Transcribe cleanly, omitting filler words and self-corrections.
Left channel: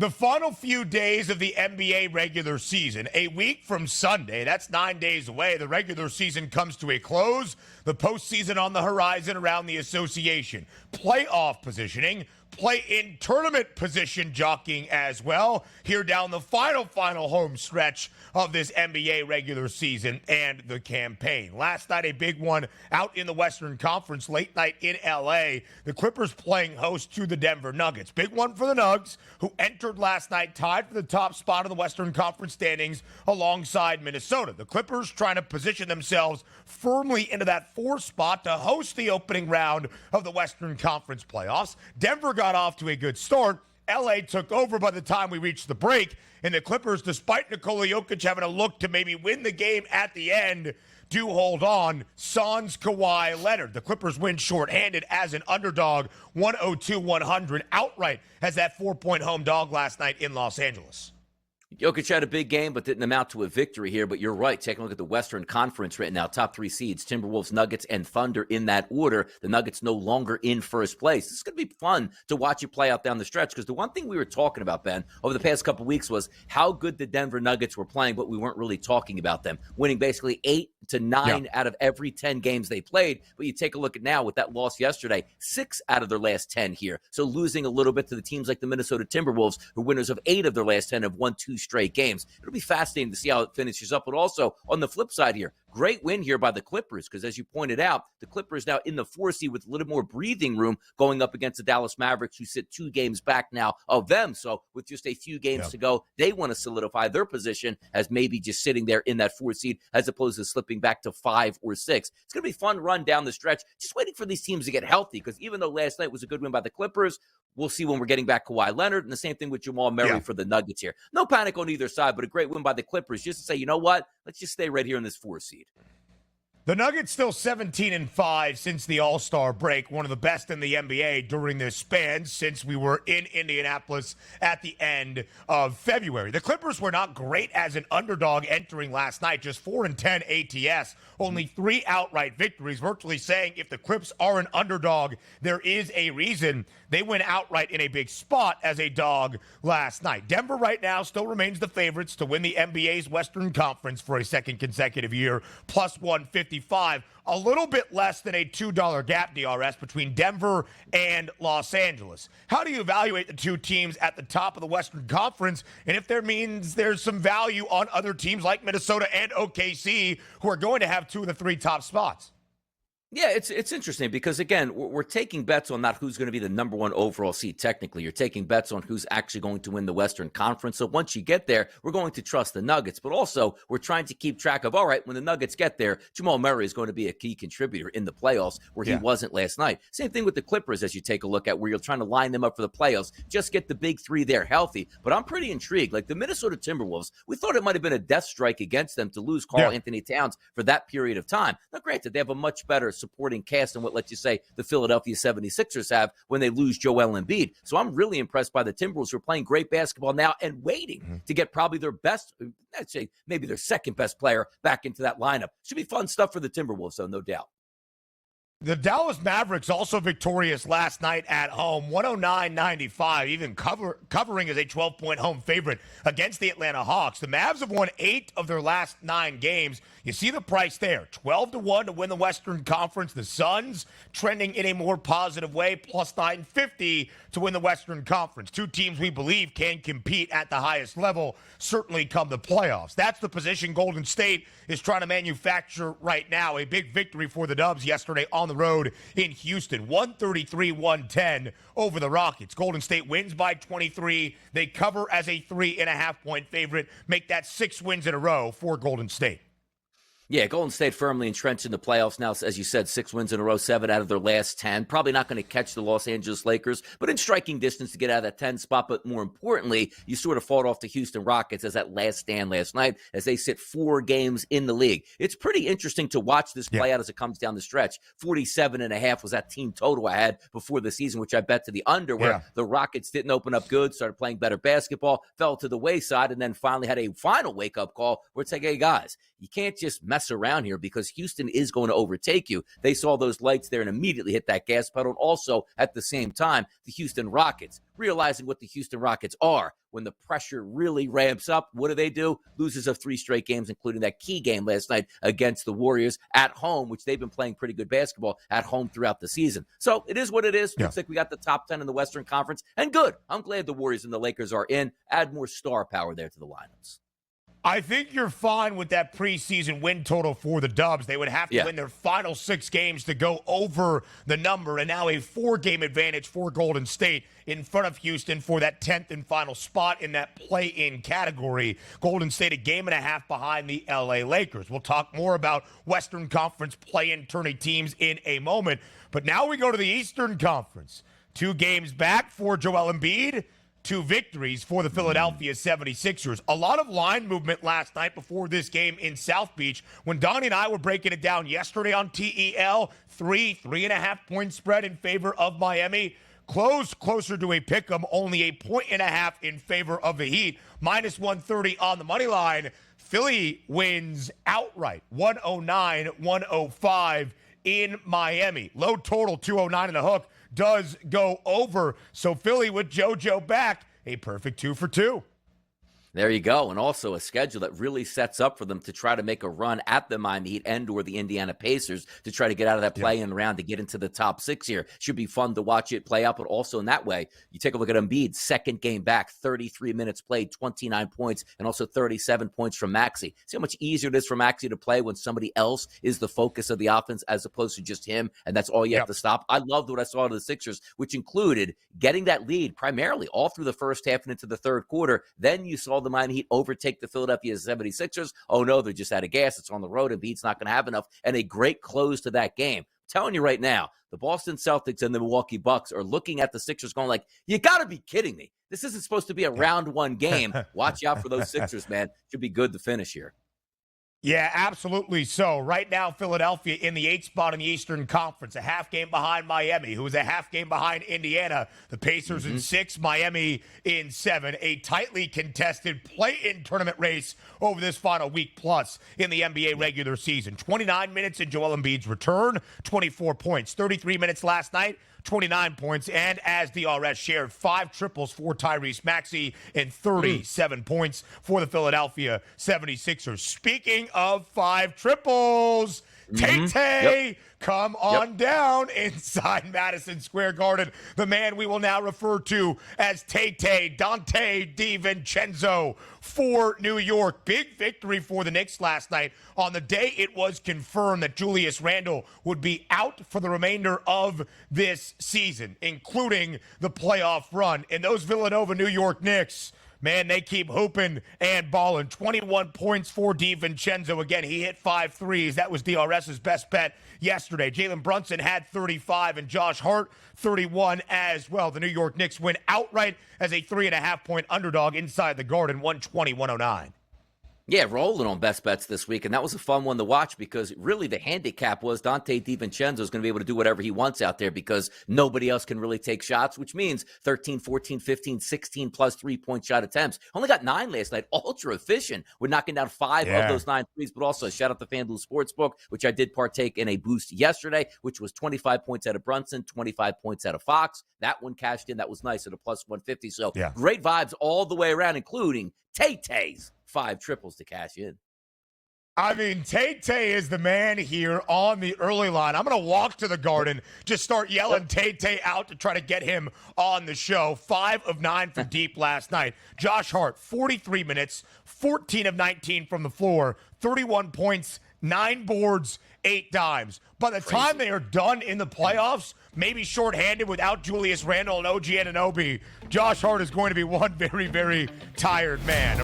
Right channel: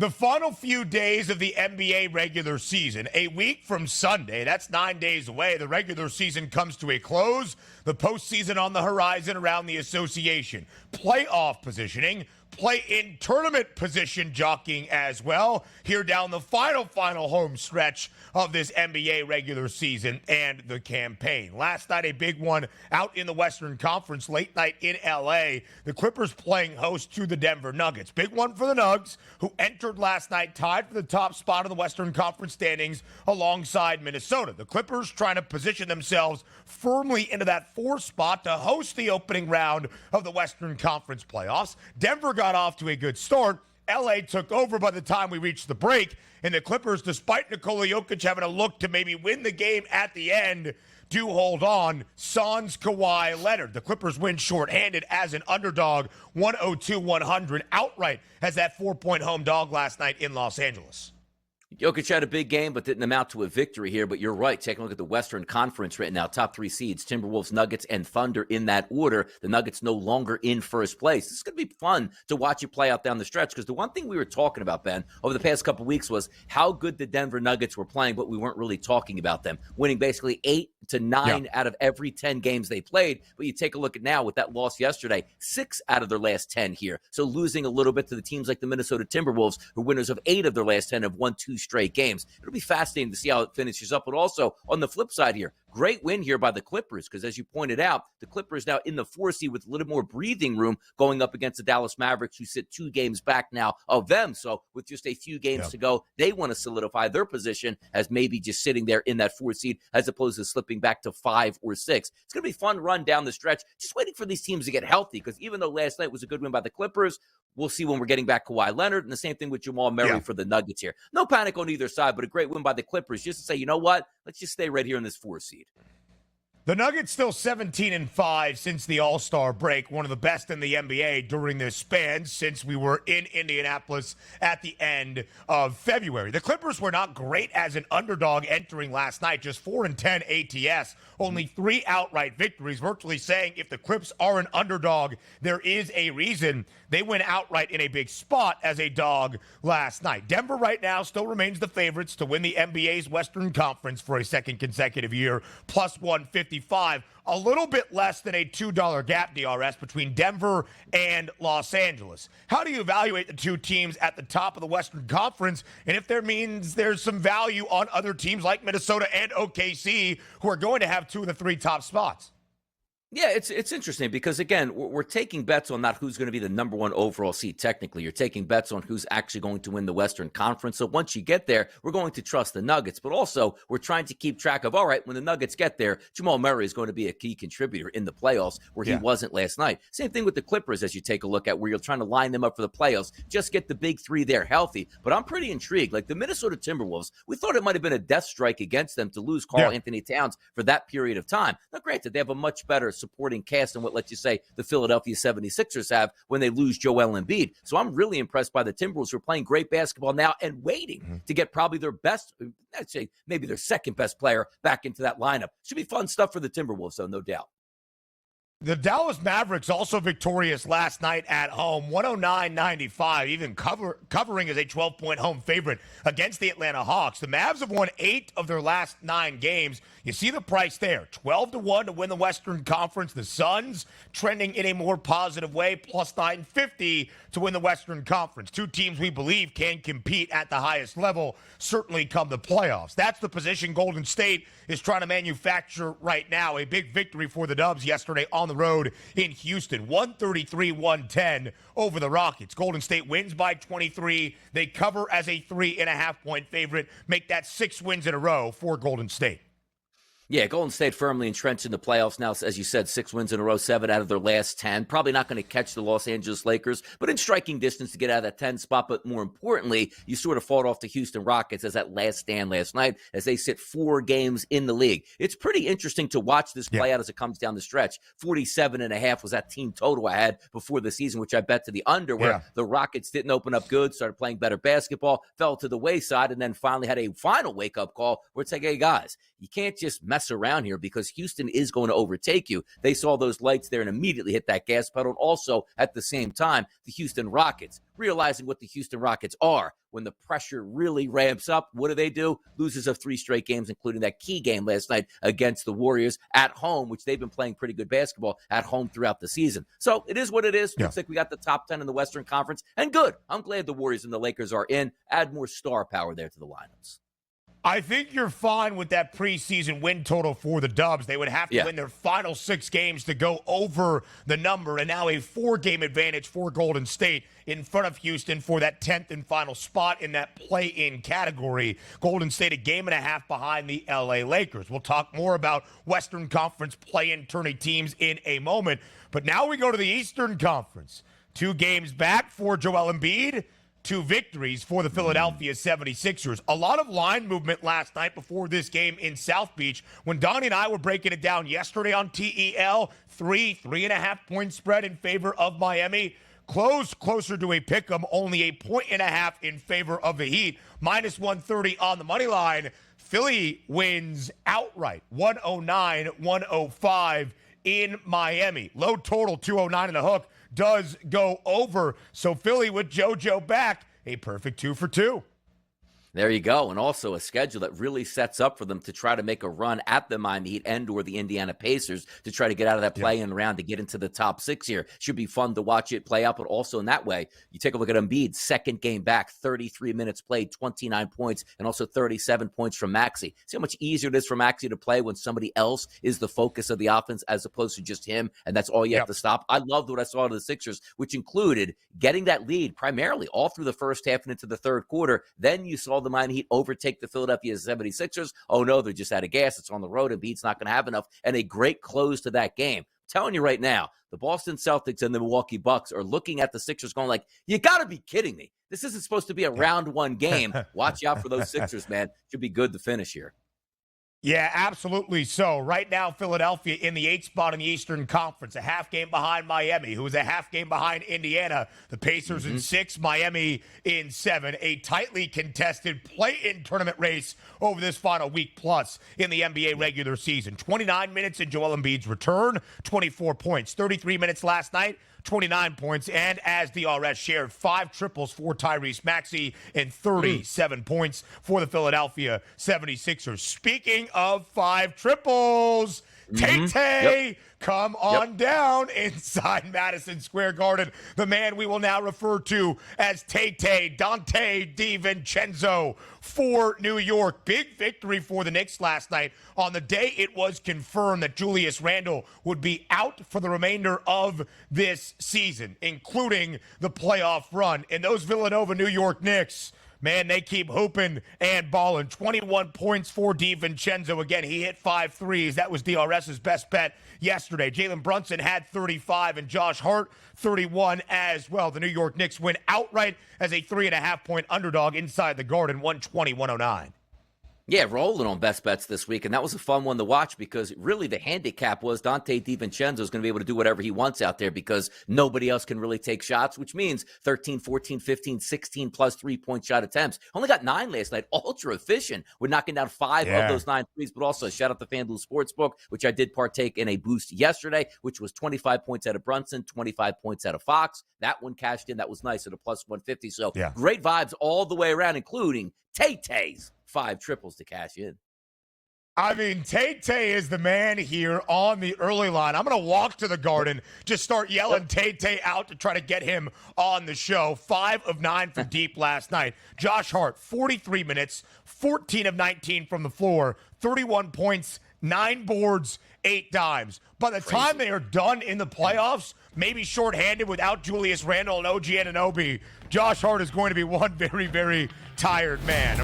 The final few days of the NBA regular season, a week from Sunday, that's 9 days away. The regular season comes to a close. The postseason on the horizon around the association. Playoff positioning, play-in tournament position jockeying as well. Here down the final home stretch of this NBA regular season and the campaign. Last night, a big one out in the Western Conference, late night in L.A. The Clippers playing host to the Denver Nuggets. Big one for the Nugs, who entered last night tied for the top spot of the Western Conference standings alongside Minnesota. The Clippers trying to position themselves firmly into that 4th spot to host the opening round of the Western Conference playoffs. Denver got off to a good start. L.A. took over by the time we reached the break. And the Clippers, despite Nikola Jokic having a look to maybe win the game at the end, do hold on. Sans, Kawhi Leonard. The Clippers win shorthanded as an underdog, 102-100 outright as that 4-point home dog last night in Los Angeles. Jokic had a big game, but didn't amount to a victory here. But you're right. Take a look at the Western Conference right now. Top 3 seeds, Timberwolves, Nuggets, and Thunder in that order. The Nuggets no longer in first place. It's going to be fun to watch it play out down the stretch because the one thing we were talking about, Ben, over the past couple of weeks was how good the Denver Nuggets were playing, but we weren't really talking about them. Winning basically 8 to 9 out of every 10 games they played. But you take a look at now with that loss yesterday, 6 out of their last 10 here. So losing a little bit to the teams like the Minnesota Timberwolves, who winners of 8 of their last 10 have won 2 straight games. It'll be fascinating to see how it finishes up. But also on the flip side here, great win here by the Clippers because, as you pointed out, the Clippers now in the 4 seed with a little more breathing room going up against the Dallas Mavericks, who sit 2 games back now of them. So with just a few games to go, they want to solidify their position as maybe just sitting there in that 4 seed as opposed to slipping back to 5 or 6. It's going to be a fun run down the stretch. Just waiting for these teams to get healthy because even though last night was a good win by the Clippers, we'll see when we're getting back Kawhi Leonard, and the same thing with Jamal Murray for the Nuggets here. No panic on either side, but a great win by the Clippers just to say, you know what? Let's just stay right here in this 4 seed. The Nuggets still 17-5 since the All-Star break, one of the best in the NBA during this span since we were in Indianapolis at the end of February. The Clippers were not great as an underdog entering last night, just 4-10 ATS, only 3 outright victories, virtually saying if the Clips are an underdog, there is a reason they went outright in a big spot as a dog last night. Denver right now still remains the favorites to win the NBA's Western Conference for a second consecutive year, plus 155. A little bit less than a $2 gap, DRS, between Denver and Los Angeles. How do you evaluate the 2 teams at the top of the Western Conference, and if there means there's some value on other teams like Minnesota and OKC who are going to have 2 of the 3 top spots? Yeah, it's interesting because, again, we're taking bets on not who's going to be the number 1 overall seed technically. You're taking bets on who's actually going to win the Western Conference. So once you get there, we're going to trust the Nuggets. But also, we're trying to keep track of, all right, when the Nuggets get there, Jamal Murray is going to be a key contributor in the playoffs where he wasn't last night. Same thing with the Clippers as you take a look at where you're trying to line them up for the playoffs. Just get the big 3 there healthy. But I'm pretty intrigued. Like the Minnesota Timberwolves, we thought it might have been a death strike against them to lose Karl Anthony Towns for that period of time. Now, granted, they have a much better supporting cast than what, let's just say, the Philadelphia 76ers have when they lose Joel Embiid. So I'm really impressed by the Timberwolves who are playing great basketball now and waiting to get probably their best, I'd say maybe their second best player back into that lineup. Should be fun stuff for the Timberwolves, though, no doubt. The Dallas Mavericks also victorious last night at home, 109-95, even covering as a 12-point home favorite against the Atlanta Hawks. The Mavs have won 8 of their last 9 games. You see the price there, 12-1 to win the Western Conference. The Suns trending in a more positive way, plus 950 to win the Western Conference. 2 teams we believe can compete at the highest level, certainly come the playoffs. That's the position Golden State is trying to manufacture right now. A big victory for the Dubs yesterday on the road in Houston, 133-110 over the Rockets. Golden State wins by 23. They cover as a 3.5-point favorite, make that 6 wins in a row for Golden State. Yeah, Golden State firmly entrenched in the playoffs now. As you said, 6 wins in a row, 7 out of their last 10. Probably not going to catch the Los Angeles Lakers, but in striking distance to get out of that 10 spot. But more importantly, you sort of fought off the Houston Rockets as that last stand last night as they sit 4 games in the league. It's pretty interesting to watch this play out as it comes down the stretch. 47.5 was that team total I had before the season, which I bet to the under, where the Rockets didn't open up good, started playing better basketball, fell to the wayside, and then finally had a final wake-up call where it's like, hey, guys, you can't just mess mess around here because Houston is going to overtake you. They saw those lights there and immediately hit that gas pedal. And also, at the same time, the Houston Rockets, realizing what the Houston Rockets are, when the pressure really ramps up, what do? Loses of 3 straight games, including that key game last night against the Warriors at home, which they've been playing pretty good basketball at home throughout the season. So it is what it is. Looks like we got the top 10 in the Western Conference, and good. I'm glad the Warriors and the Lakers are in. Add more star power there to the lineups. I think you're fine with that preseason win total for the Dubs. They would have to win their final 6 games to go over the number, and now a 4-game advantage for Golden State in front of Houston for that 10th and final spot in that play-in category. Golden State a game and a half behind the LA Lakers. We'll talk more about Western Conference play-in tourney teams in a moment, but now we go to the Eastern Conference. 2 games back for Joel Embiid. 2 victories for the Philadelphia 76ers. A lot of line movement last night before this game in South Beach. When Donnie and I were breaking it down yesterday on TEL, 3.5 point spread in favor of Miami. Closer to a pick'em, only a 1.5 in favor of the Heat. Minus 130 on the money line. Philly wins outright, 109-105 in Miami. Low total, 209 in the hook. Does go over. So Philly with JoJo back, a perfect 2 for 2. There you go. And also a schedule that really sets up for them to try to make a run at the Miami Heat and or the Indiana Pacers to try to get out of that play-in round to get into the top 6 here. Should be fun to watch it play out, but also in that way, you take a look at Embiid, 2nd game back, 33 minutes played, 29 points, and also 37 points from Maxey. See how much easier it is for Maxey to play when somebody else is the focus of the offense as opposed to just him, and that's all you have to stop. I loved what I saw of the Sixers, which included getting that lead primarily all through the first half and into the third quarter. Then you saw the Miami Heat overtake the Philadelphia 76ers. Oh, no, they're just out of gas. It's on the road. Embiid's not going to have enough. And a great close to that game. I'm telling you right now, the Boston Celtics and the Milwaukee Bucks are looking at the Sixers going like, you got to be kidding me. This isn't supposed to be a round 1 game. Watch out for those Sixers, man. Should be good to finish here. Yeah, absolutely so. Right now, Philadelphia in the 8th spot in the Eastern Conference, a half game behind Miami, who is a half game behind Indiana. The Pacers in 6, Miami in 7. A tightly contested play-in tournament race over this final week plus in the NBA regular season. 29 minutes in Joel Embiid's return, 24 points. 33 minutes last night, 29 points, and as DRS shared, 5 triples for Tyrese Maxey and 37 points for the Philadelphia 76ers. Speaking of 5 triples, Tay-Tay, come on down inside Madison Square Garden. The man we will now refer to as Tay-Tay, Donte DiVincenzo for New York. Big victory for the Knicks last night on the day it was confirmed that Julius Randle would be out for the remainder of this season, including the playoff run. And those Villanova New York Knicks, man, they keep hooping and balling. 21 points for DiVincenzo. Again, he hit 5 threes. That was DRS's best bet yesterday. Jalen Brunson had 35 and Josh Hart 31 as well. The New York Knicks win outright as a 3.5 point underdog inside the Garden, 120-109. Yeah, rolling on best bets this week, and that was a fun one to watch because really the handicap was Donte DiVincenzo is going to be able to do whatever he wants out there because nobody else can really take shots, which means 13, 14, 15, 16 plus 3-point shot attempts. Only got 9 last night. Ultra efficient. We're knocking down 5 of those 9 threes, but also shout out to FanDuel Sportsbook, which I did partake in a boost yesterday, which was 25 points out of Brunson, 25 points out of Fox. That one cashed in. That was nice at a plus 150. So great vibes all the way around, including Tay-Tay's 5 triples to cash in. I mean, Tay-Tay is the man here on the early line. I'm going to walk to the Garden, just start yelling Tay-Tay out to try to get him on the show. 5 of 9 for deep last night. Josh Hart, 43 minutes, 14 of 19 from the floor, 31 points, 9 boards, 8 dimes. By the time they are done in the playoffs, maybe shorthanded without Julius Randle and OG Anunoby, Josh Hart is going to be one very, very tired man.